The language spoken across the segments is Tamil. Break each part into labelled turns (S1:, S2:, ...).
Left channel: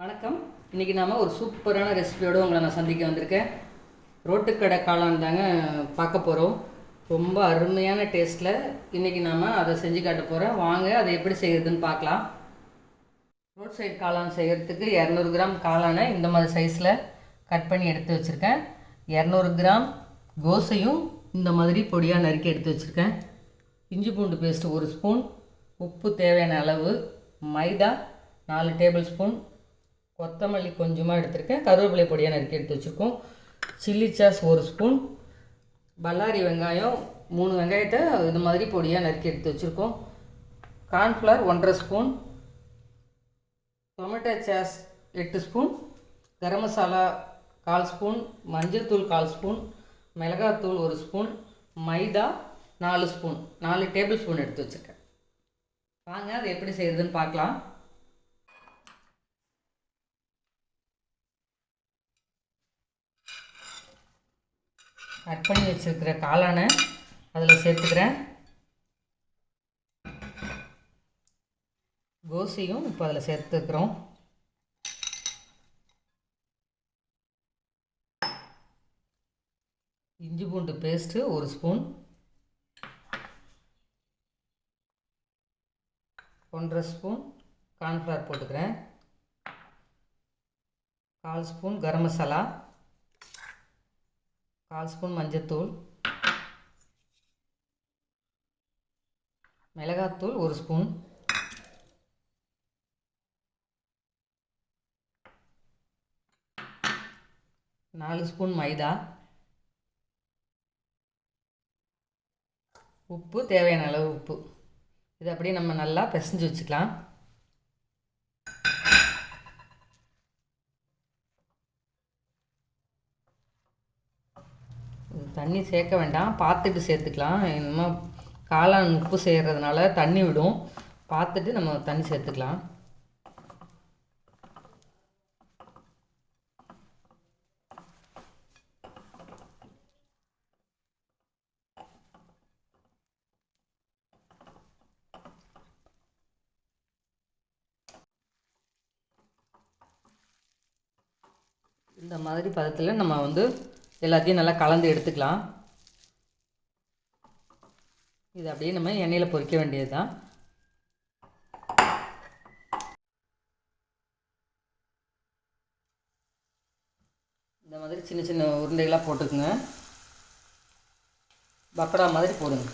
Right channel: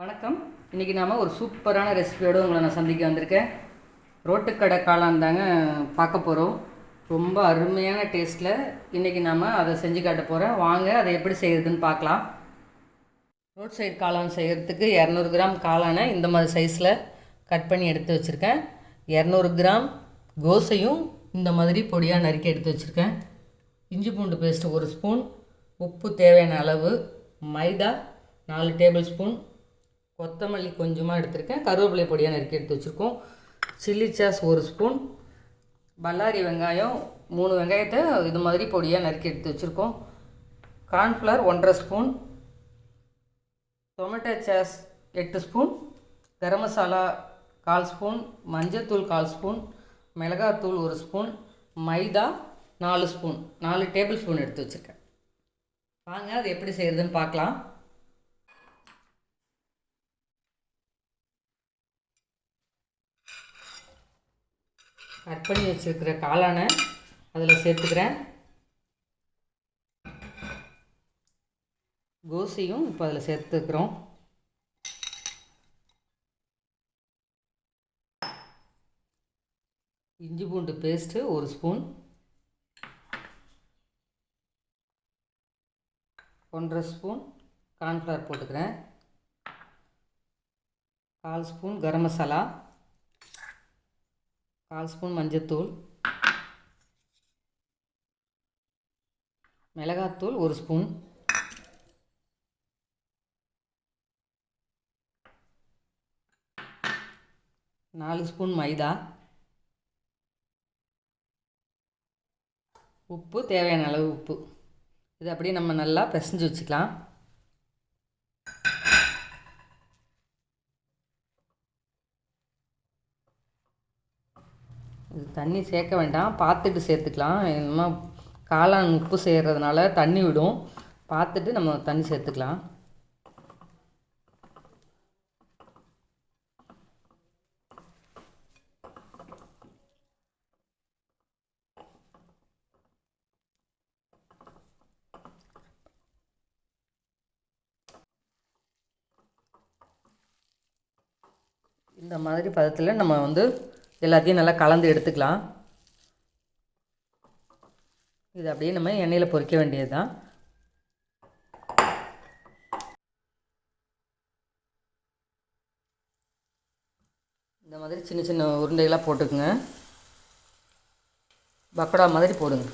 S1: வணக்கம். இன்றைக்கி நாம் ஒரு சூப்பரான ரெசிபியோடு உங்களை நான் சந்திக்க வந்திருக்கேன். ரோட்டுக்கடை காளான் தாங்க பார்க்க போகிறோம் ரொம்ப அருமையான டேஸ்ட்டில் இன்றைக்கி நாம் அதை செஞ்சு காட்ட போகிறேன் வாங்க அதை எப்படி செய்கிறதுன்னு பார்க்கலாம். ரோட் சைடு காளான் செய்கிறதுக்கு இரநூறு கிராம் காளானை இந்த மாதிரி சைஸில் கட் பண்ணி எடுத்து வச்சுருக்கேன். இரநூறு கிராம் கோசையும் இந்த மாதிரி பொடியாக நறுக்கி எடுத்து வச்சுருக்கேன். இஞ்சி பூண்டு பேஸ்ட்டு ஒரு ஸ்பூன் உப்பு தேவையான அளவு மைதா நாலு டேபிள் ஸ்பூன் கொத்தமல்லி கொஞ்சமாக எடுத்திருக்கேன். கருவேப்பிலை பொடியாக நறுக்கி எடுத்து வச்சுருக்கோம். சில்லி சாஸ் ஒரு ஸ்பூன் பல்லாரி வெங்காயம் மூணு வெங்காயத்தை இது மாதிரி பொடியாக நறுக்கி எடுத்து வச்சுருக்கோம். கார்ன்ஃப்ளவர் ஒன்றரை ஸ்பூன் டொமேட்டோ சாஸ் எட்டு ஸ்பூன் கரம் மசாலா கால் ஸ்பூன் மஞ்சள்தூள் கால் ஸ்பூன் மிளகாத்தூள் ஒரு ஸ்பூன் மைதா நாலு ஸ்பூன் நாலு டேபிள் ஸ்பூன் எடுத்து வச்சுருக்கேன். வாங்க அது எப்படி செய்கிறதுன்னு பார்க்கலாம். கட் பண்ணி வச்சுருக்கிற காளானை அதில் சேர்த்துக்கிறேன். கோசியும் இப்போ அதில் சேர்த்துக்கிறோம். இஞ்சி பூண்டு பேஸ்ட்டு ஒரு ஸ்பூன் ஒன்றரை ஸ்பூன் கார்ன்ஃப்ளவர் போட்டுக்கிறேன். கால் ஸ்பூன் கரம் மசாலா. கால் ஸ்பூன் மஞ்சத்தூள். மிளகாத்தூள் ஒரு ஸ்பூன். நாலு ஸ்பூன் மைதா. உப்பு தேவையான அளவு உப்பு. இது அப்படியே நம்ம நல்லா பிசைஞ்சு வச்சுக்கலாம். இது தண்ணி சேர்க்க வேண்டாம். பார்த்துட்டு சேர்த்துக்கலாம். என்னமோ காளான் உப்பு செய்கிறதுனால தண்ணி விடும். பார்த்துட்டு நம்ம தண்ணி சேர்த்துக்கலாம். இந்த மாதிரி பதத்தில் நம்ம வந்து எல்லாத்தையும் நல்லா கலந்து எடுத்துக்கலாம். இது அப்படியே நம்ம எண்ணெயில் பொறிக்க வேண்டியது தான் இந்த மாதிரி சின்ன சின்ன உருண்டைகளாக போட்டுக்குங்க. பக்கடா மாதிரி போடுங்க.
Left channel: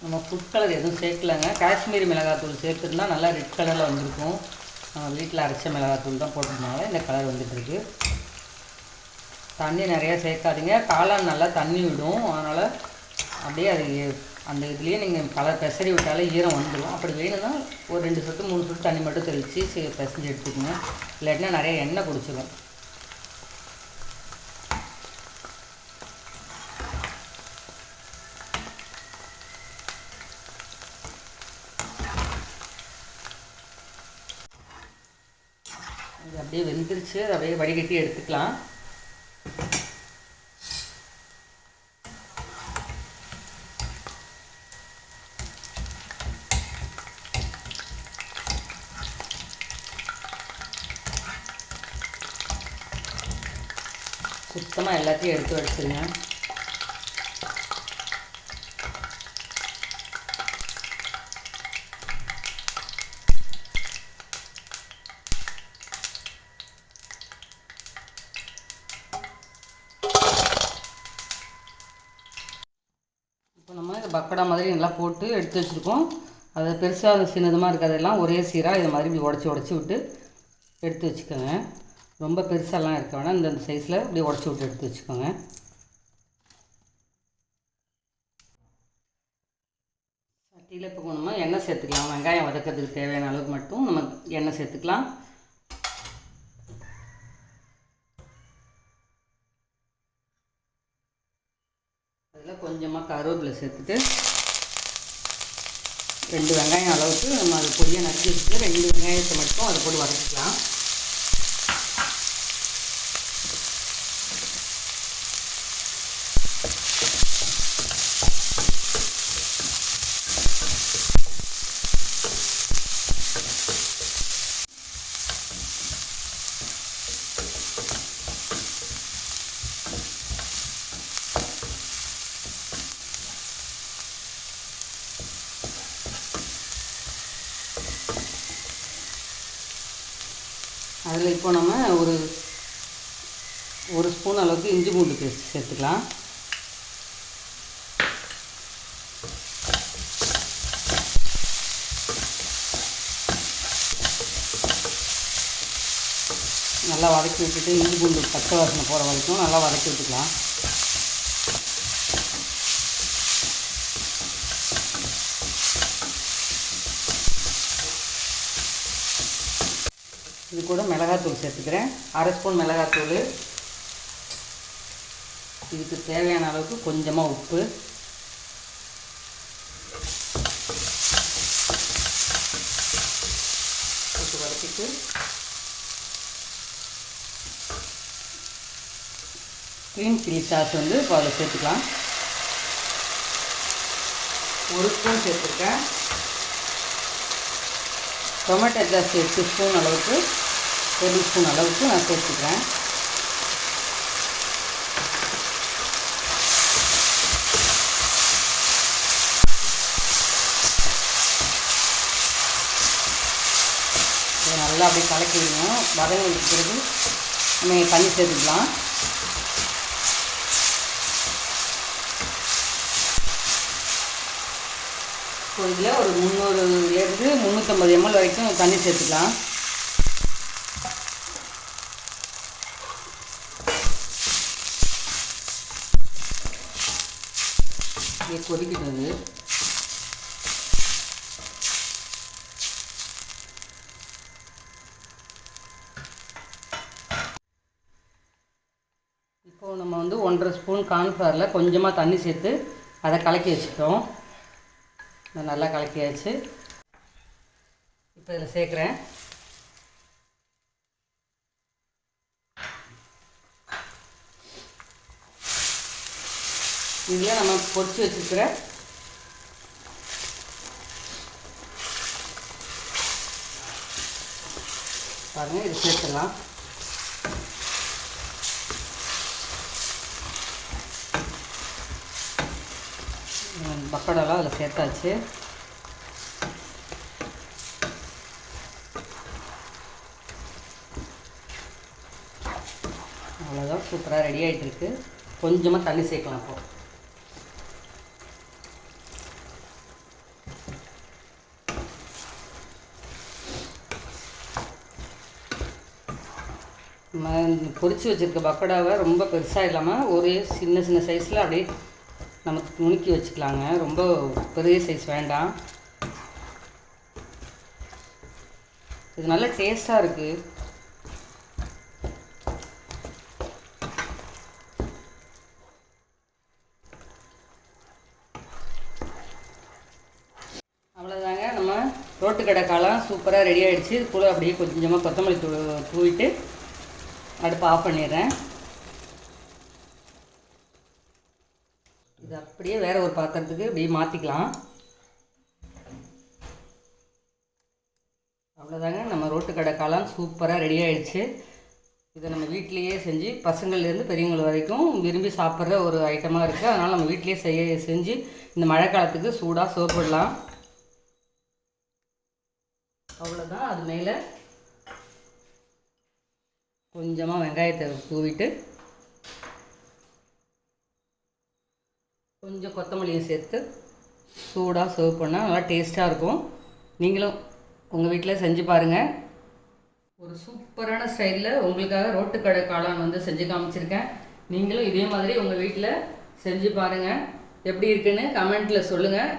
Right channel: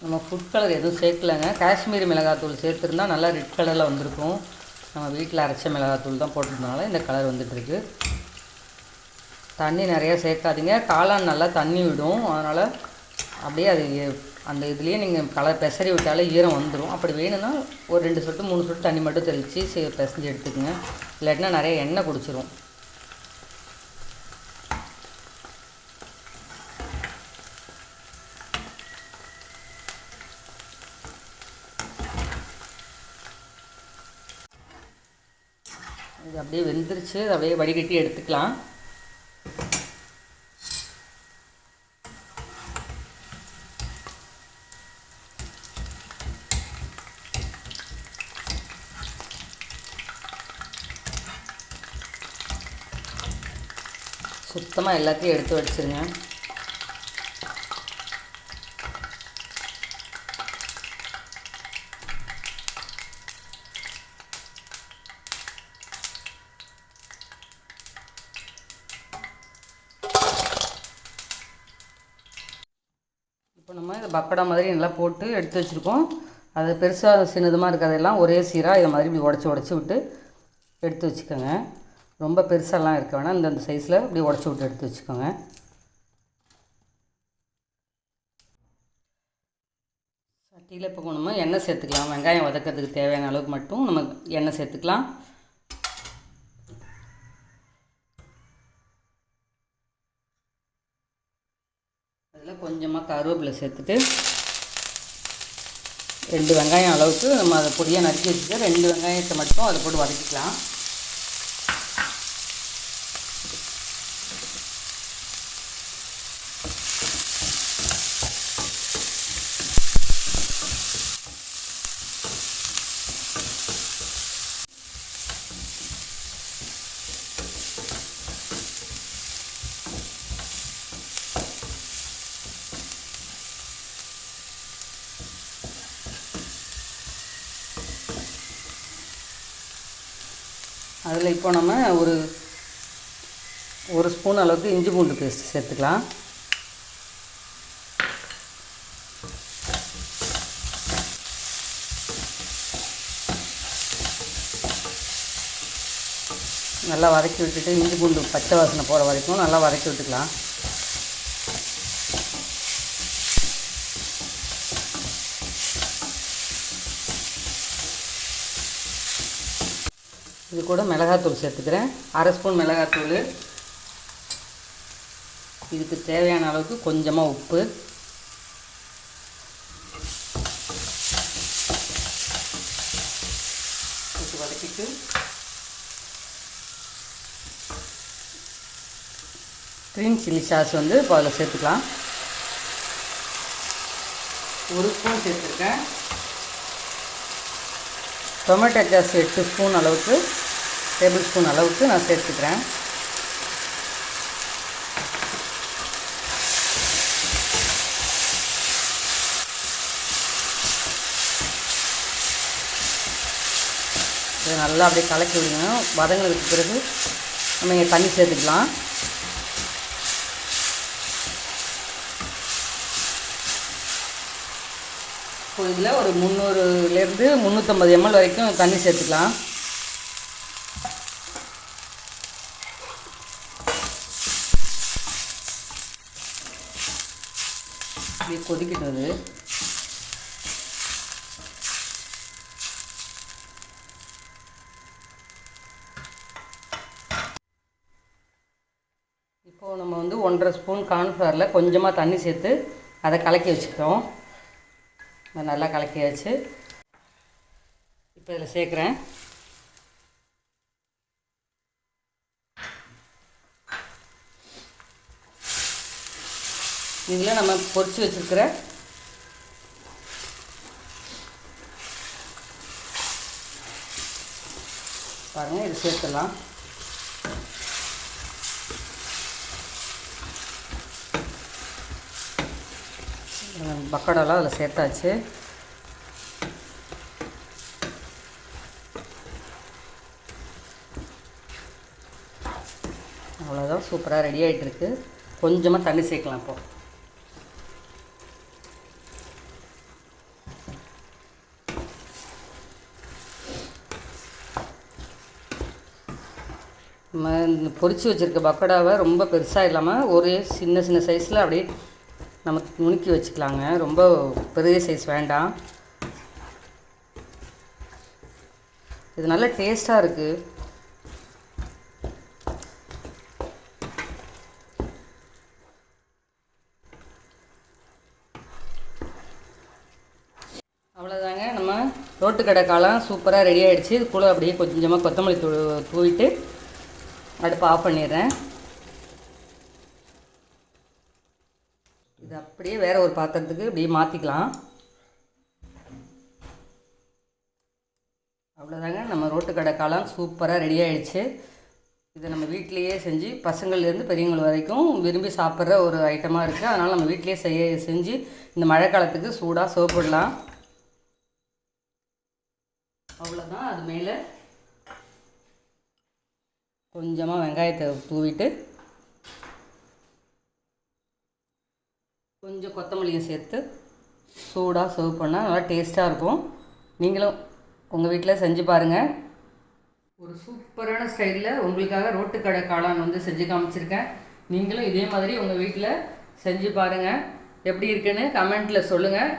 S1: நம்ம ஃபுட் கலர் எதுவும் சேர்க்கலைங்க. காஷ்மீரி மிளகாத்தூள் சேர்த்துருந்தா நல்லா ரெட் கலரில் வந்திருக்கும். நம்ம வீட்டில் அரைச்ச மிளகாத்தூள் தான் போட்டிருந்தனால இந்த கலர் வந்துட்டுருக்கு. தண்ணி நிறையா சேர்க்காதீங்க. காளான் நல்லா தண்ணி விடும். அதனால் அப்படியே அது அந்த இதுலேயே நீங்கள் கலர் பெசரி விட்டாலே ஈரம் வந்துடும் அப்படி வேணும்னா ஒரு ரெண்டு சொட்டு மூணு சொட்டு தண்ணி மட்டும் தெளித்து பெசஞ்சு எடுத்துக்கோங்க. இல்லாட்டினா நிறைய எண்ணெய் குடிச்சிரும். இது அப்படியே வெந்துருச்சு. அதை அப்படியே வடிகட்டி எடுத்துக்கலாம். சுத்தமாக எல்லாத்தையும் எடுத்து வச்சுருங்க. இப்போ நம்ம இந்த பக்கோடா மாதிரி நல்லா போட்டு எடுத்து வச்சுருக்கோம். அது பெருசாக சின்னதுமாக இருக்கிறதெல்லாம் ஒரே சீராக இதை மாதிரி இப்படி உடச்சி உடச்சி விட்டு எடுத்து வச்சுக்கோங்க. ரொம்ப பெருசாலாம் இருக்க வேணாம். இந்த சைஸில் இப்படி உடச்சி விட்டு எடுத்து வச்சுக்கோங்க. சட்டியில் இப்போ நம்ம எண்ணெய் சேர்த்துக்கலாம். வெங்காயம் வதக்கிறதுக்கு தேவையான அளவுக்கு மட்டும் நம்ம எண்ணெய் சேர்த்துக்கலாம். கருவேப்பிலை சேர்த்துட்டு ரெண்டு வெங்காயம் அளவுக்கு நம்ம அதை பொடியாக நறுக்கி வச்சுட்டு ரெண்டு வெங்காயத்தை மட்டும் அதை போட்டு வதக்கிக்கலாம். அதில் இப்போ நம்ம ஒரு ஒரு ஸ்பூன் அளவுக்கு இஞ்சி பூண்டு பேஸ்ட் சேர்த்துக்கலாம். நல்லா வதக்கி விட்டுட்டு இஞ்சி பூண்டு பச்சை வாசனை போகிற வரைக்கும் நல்லா வதக்கி விட்டுக்கலாம். இது கூட மிளகாத்தூள் சேர்த்துக்கிறேன். அரை ஸ்பூன் மிளகாத்தூள். இதுக்கு தேவையான அளவுக்கு கொஞ்சமாக உப்பு. இது வதக்கிட்டு க்ரீன் சில்லி சாஸ் வந்து இப்போ அதில் சேர்த்துக்கலாம். ஒரு ஸ்பூன் சேர்த்துருக்கேன். டொமேட்டோ சாஸ் எட்டு ஸ்பூன் அளவுக்கு டேபிள் ஸ்பூன் அளவுக்கு நான் சேர்த்துக்கிறேன். இதை நல்லா அப்படியே கலக்கி விடணும் வதங்களுக்கு பிறகு நம்ம இங்கே தண்ணி சேர்த்துக்கலாம். ஸோ இதில் ஒரு முந்நூறுலேருந்து முந்நூற்றம்பது எம்எல் வரைக்கும் தண்ணி சேர்த்துக்கலாம். இது கொதிக்கிட்டு இப்போது நம்ம வந்து ஒன்றரை ஸ்பூன் கார்ன்ஃப்ளவரில் கொஞ்சமாக தண்ணி சேர்த்து அதை கலக்கி வச்சுக்கிறோம் இதை நல்லா கலக்கியாச்சு. இப்போ இதில் சேர்க்குறேன். இதில் நம்ம பொறிச்சு வச்சுருக்கிற பாருங்கள் இது சேர்த்துடலாம். பக்கோடாலாம் அதில் சேர்த்தாச்சு. அவ்வளோதான் சூப்பராக ரெடி ஆகிட்டுருக்கு கொஞ்சமாக தண்ணி சேர்க்கலாம் இப்போ. நம்ம இந்த வச்சுருக்க பக்கோடாவை ரொம்ப பெருசாக இல்லாமல் ஒரே சின்ன சின்ன சைஸில் அப்படியே நம்ம நுணுக்கி வச்சுக்கலாங்க. ரொம்ப பெரிய சைஸ் வேண்டாம். இது நல்ல டேஸ்ட்டாக இருக்குது அவ்வளோதாங்க நம்ம ரோட்டு கடை காலம் சூப்பராக ரெடி ஆகிடுச்சு இது கூட அப்படியே கொஞ்சமாக கொத்தமல்லி தூ தூவிட்டு அடுப்பை ஆஃப் பண்ணிடுறேன். இது அப்படியே வேற ஒரு பாத்திரத்துக்கு அப்படியே மாற்றிக்கலாம் அவ்வளோதாங்க நம்ம ரோட்டு கடை காளான் சூப்பராக ரெடி ஆகிடுச்சு இதை நம்ம வீட்டிலையே செஞ்சு பசங்கள்லேருந்து பெரியவங்கள் வரைக்கும் விரும்பி சாப்பிட்ற ஒரு ஐட்டமாக இருக்குது அதனால் நம்ம வீட்டிலேயே செய்ய செஞ்சு இந்த மழை காலத்துக்கு சூடாக சோப்பிடலாம் அவ்வளோதான் அது மேலே கொஞ்சமாக வெங்காயத்தை தூவிட்டு கொஞ்சம் கொத்தமல்லியை சேர்த்து சூடாக சர்வ் பண்ணால் நல்லா டேஸ்ட்டாக இருக்கும். நீங்களும் உங்கள் வீட்டில் செஞ்சு பாருங்கள் ஒரு சூப்பரான ஸ்டைலில் உங்களுக்காக ரோட்டு கடை காளான் வந்து செஞ்சு காமிச்சிருக்கேன். நீங்களும் இதே மாதிரி உங்கள் வீட்டில் செஞ்சு பாருங்கள் எப்படி இருக்குன்னு கமெண்ட்டில் சொல்லுங்கள்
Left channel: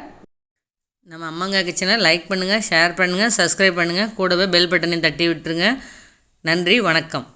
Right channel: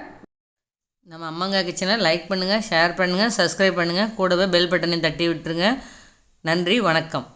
S1: நம்ம அம்மாங்க கிச்சனை லைக் பண்ணுங்கள் ஷேர் பண்ணுங்கள் சப்ஸ்கிரைப் பண்ணுங்கள் கூடவே பெல் பட்டனையும் தட்டி விட்டுருங்க. நன்றி வணக்கம்.